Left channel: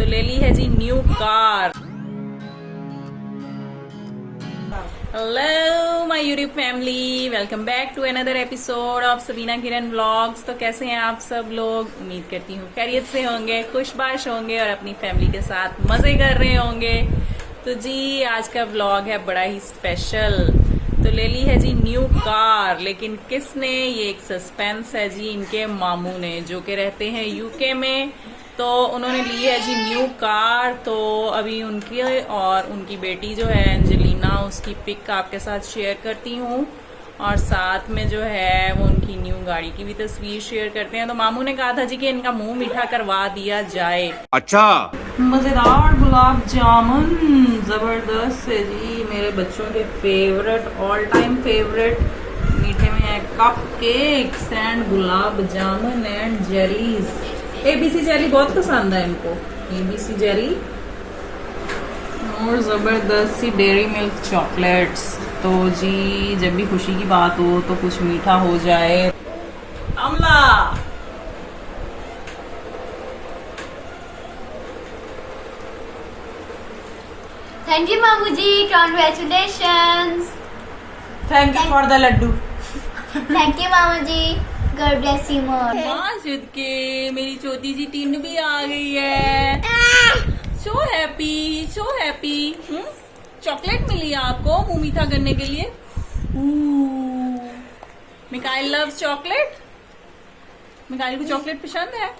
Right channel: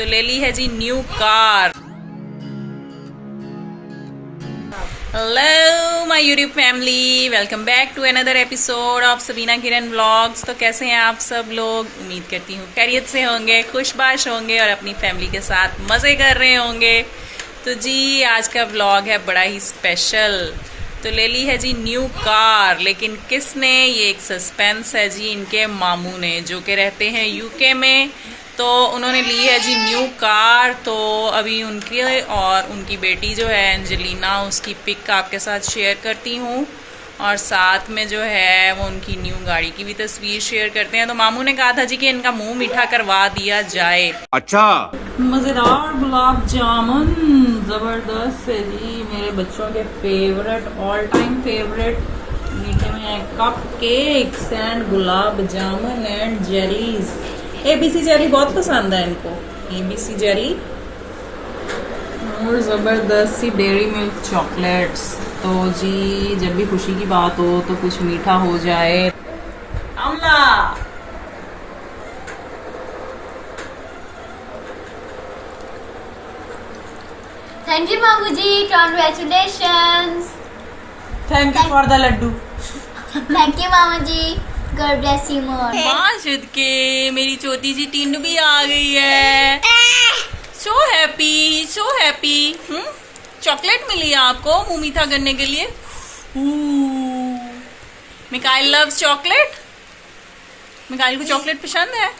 तो ले ली है जी new car. Hello my YouTube family, welcome back to another episode of Sabina Kiran vlogs. तो कैसे हैं आप सब लोग? उम्मीद करती हूँ खैरियत से होंगे, खुशबाश होंगे और अपनी फैमिली के साथ मज़े कर रहे होंगे। तो जी आज का व्लॉग है बड़ा ही स्पेशल। तो ले ली है जी न्यू कार, लेकिन किसने? ये एक सस्पेंस है जी। इनके मामू ने, जो कि रहते हैं यूके में, तो उन्होंने ली है जी न्यू कार। तो अभी उनकी और उनकी बेटी जो है एंजेलिना, उसकी पिक आपके साथ शेयर करती हूँ और साथ में जो है वो उनकी न्यू गाड़ी की भी तस्वीर शेयर करते हैं। तो मामू ने कहा था जी कि इनका मुंह मीठा करवा दिया जाए। अच्छा, मज़ेदार गुलाब जामुन ज़बरदस्त है जी, मेरे बच्चों के फेवरेट, ऑल टाइम फेवरेट। मीठे में है cup cakes and gulab jamun and Jerry's. ABC Jerry बहुत पसंद है इनको, ABC जेरी। और ज़बरदस्त सी डेयरी मिल्क चॉकलेट्स। तो जी जब भी खुशी की बात हो तो कुछ मीठा हो जाए। अमला थैंक यू मामू जी, congratulations. Thank you for the laddoo. Thank you मामू जी, गॉड ब्लेस यू मोर। माशुद के मेरी छोटी सी टीनू भी आ गई है। So happy, so happy. Chocolate मिली है आपको मुंह मीठा करने के लिए। Mikail loves chocolate. मिकाइल को चॉकलेट पसंद है।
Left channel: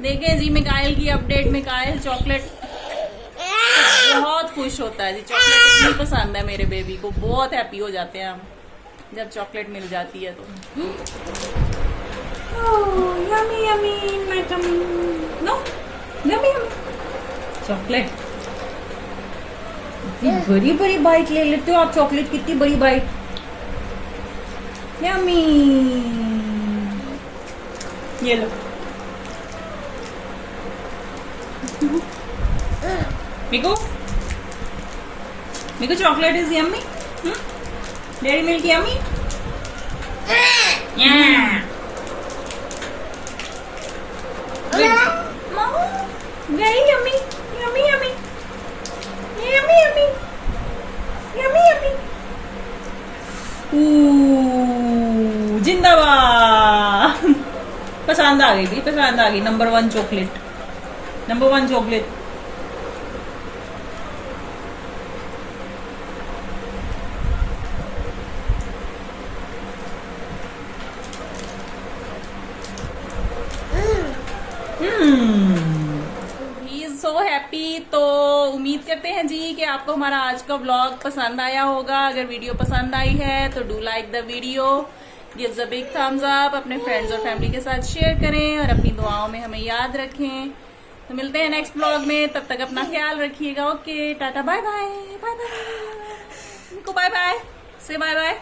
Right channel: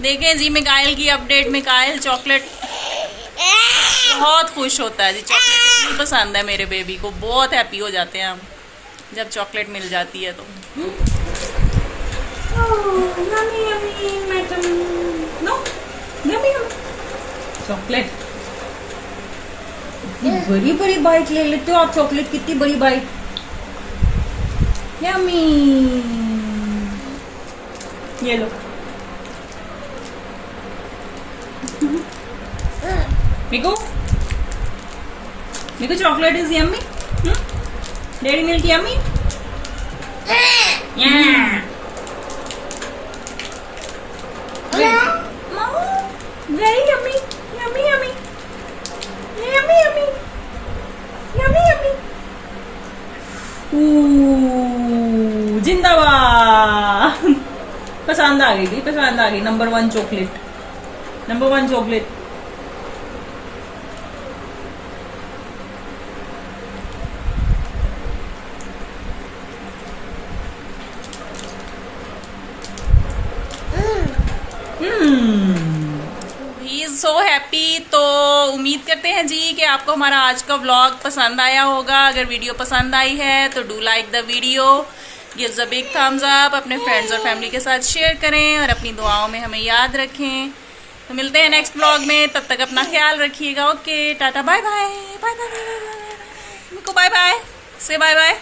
देखें जी मिकाइल की अपडेट। मिकाइल चॉकलेट बहुत खुश होता है जी। चॉकलेट इतनी पसंद है मेरे बेबी को, बहुत हैप्पी हो जाते हैं हम जब चॉकलेट मिल जाती है तो। Yummy yummy madam, no yummy yummy chocolate. बड़ी बड़ी बाइट ले लेते हो आप चॉकलेट, कितनी बड़ी बाइट। यम्मी, ये लो। Miku, Miku chocolate is yummy. Dairy Milk yummy. Very yummy, yummy yummy, yummy yummy, yummy yummy. जिंदाबाद। पसंद आ गई थी, पसंद आ गई। Number 1 chocolate, number 1 chocolate. He is so happy. तो उम्मीद करते हैं जी कि आपको हमारा आज का व्लॉग पसंद आया होगा। अगर वीडियो पसंद आई है तो do like the video, gives a big thumbs up, अपने फ्रेंड्स और फैमिली के साथ शेयर करें और अपनी दुआओं में हमें याद रखें। तो मिलते हैं नेक्स्ट व्लॉग में, तब तक अपना ख्याल रखिएगा। Okay, tata, bye bye, bye bye, bye bye, bye bye, bye bye, से बाय बाय।